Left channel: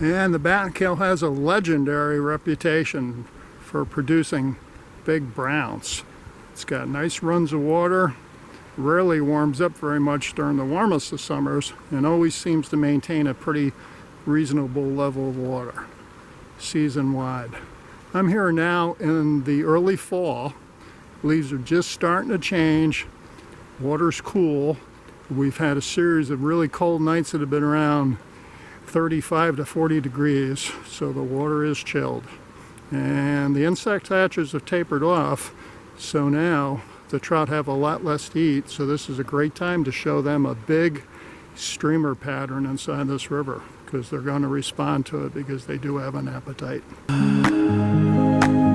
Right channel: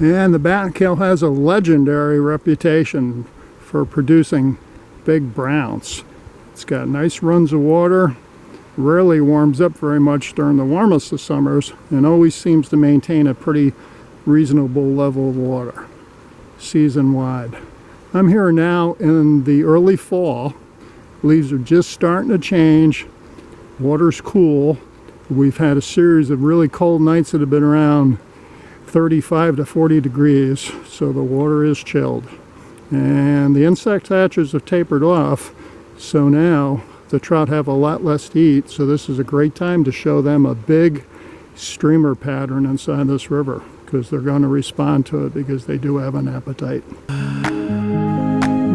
And the Battenkill has a legendary reputation for producing big browns. It's got nice runs of water, rarely warms up very much during the warmest of summers, and always seems to maintain a pretty reasonable level of water season-wide. I'm here now in the early fall. Leaves are just starting to change. Water's cool. We've had a series of really cold nights that have been around 35 to 40 degrees, so the water is chilled. And the insect hatches have tapered off, so now the trout have a lot less to eat, so this is a great time to show them a big streamer pattern inside this river, because they're going to respond to it because they do have an appetite.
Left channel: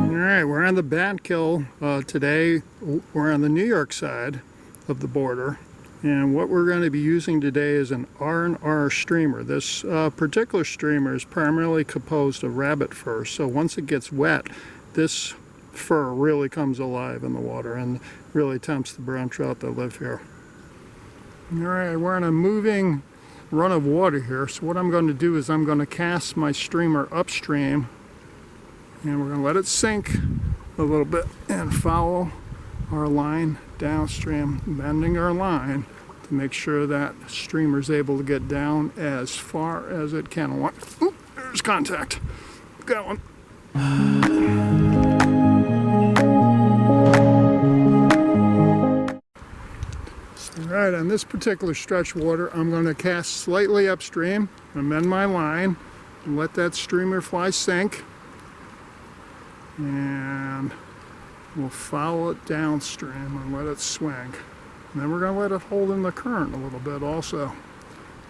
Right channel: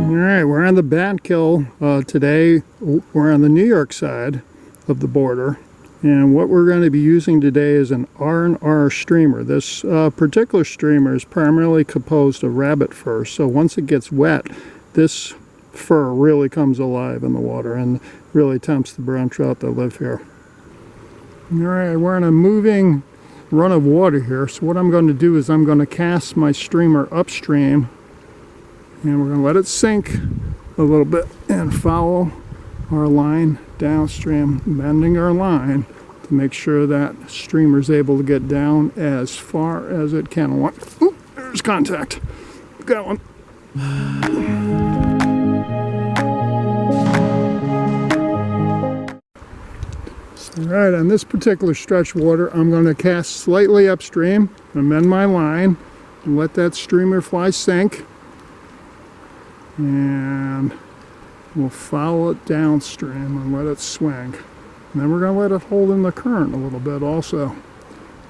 Alright, we're on the Battenkill today. We're on the New York side of the border. And what we're going to be using today is an R&R streamer. This particular streamer is primarily composed of rabbit fur, so once it gets wet, this fur really comes alive in the water and really tempts the brown trout that live here. Alright, we're in a moving run of water here, so what I'm going to do is I'm going to cast my streamer upstream, and we're going to let it sink a little bit and follow our line downstream, bending our line to make sure that streamer is able to get down as far as it can. Ooh, there's contact. Got one. Alright, on this particular stretch water, I'm going to cast slightly upstream, amend my line, and let that streamer fly sink. And we'll follow it downstream and let it swing. And then we're going to let it hold in the current a little bit also.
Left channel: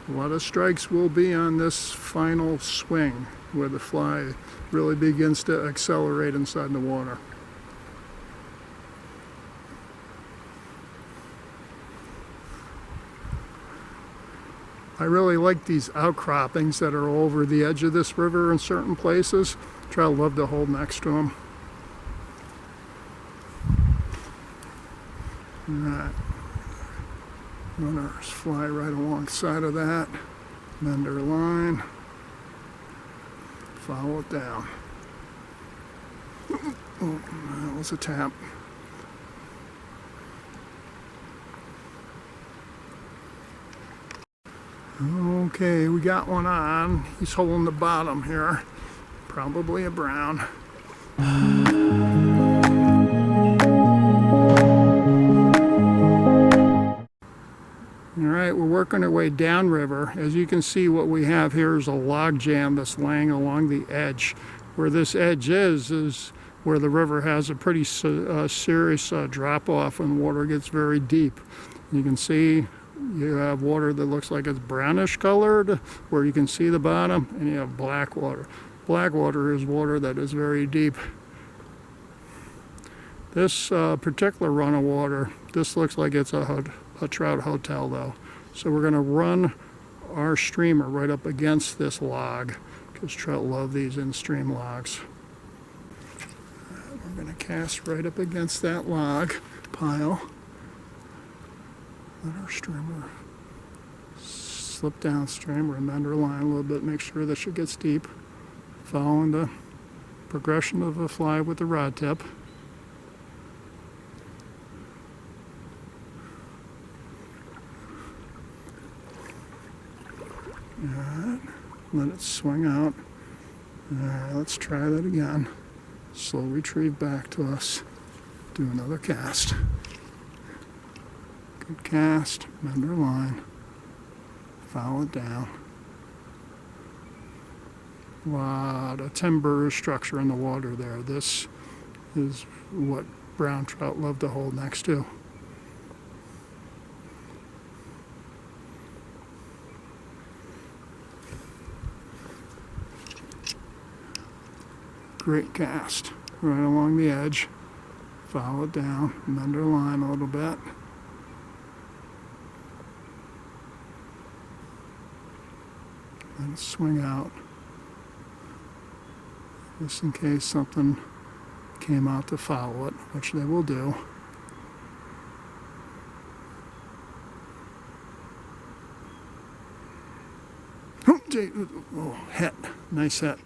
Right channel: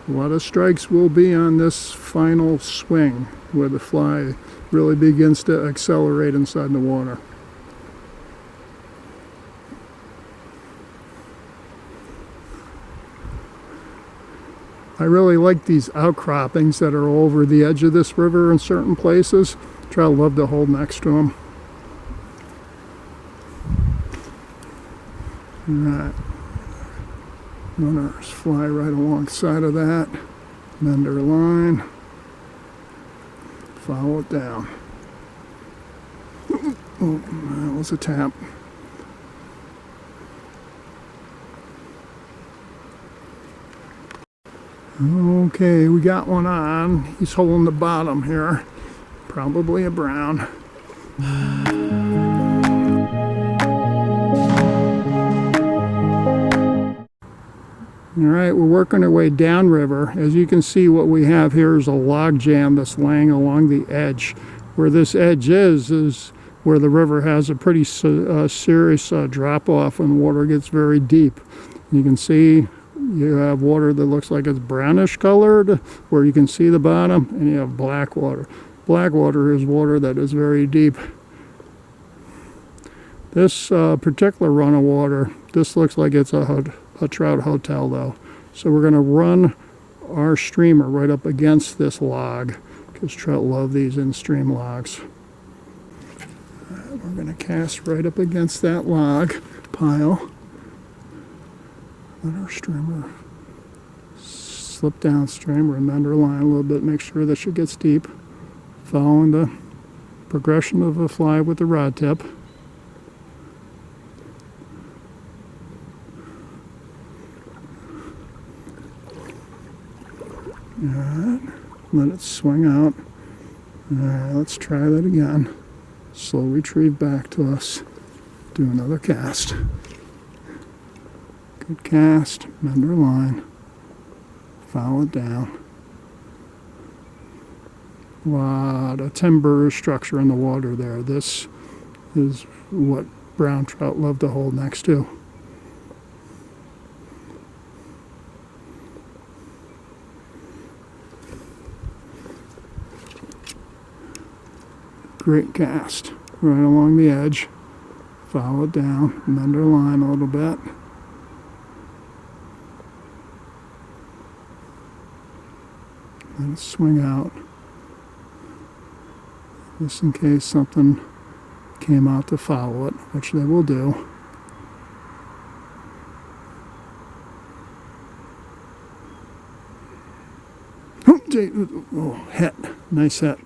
A lot of strikes will be on this final swing where the fly really begins to accelerate inside the water. I really like these outcroppings that are over the edge of this river in certain places. Trout love to hold next to them. Alright, runners fly right alongside of that, bend our line, follow it down. Oh, that was a tap. Okay, we got one on. He's holding the bottom here. Probably a brown. Alright, we're working our way downriver. As you can see, what we have here is a log jam that's laying along the edge. Where this edge is where the river has a pretty serious drop-off when water gets very deep. You can see you have water that looks like it's brownish colored, where you can see the bottom, and you have black water. Black water is water that is very deep. This particular run of water, this looks like it's a trout hotel though. So we're going to run our streamer right up against this log, because trout love these in-stream logs. We're going to cast right up against that log pile. Let our streamer slip downstream, remend our line a little bit, make sure that she gets deep, following the progression of the fly with the rod tip. Alright, let it swing out. Alright, let's try that again. Slow retrieve back to us. Do another cast. Good cast, bend our line, follow it down. A lot of timber structure in the water there. This is what brown trout love to hold next to. Great cast, right along the edge. Follow it down, bend our line a little bit. Let it swing out. Just in case something came out to follow it, which they will do. Oh, hit. Nice hit.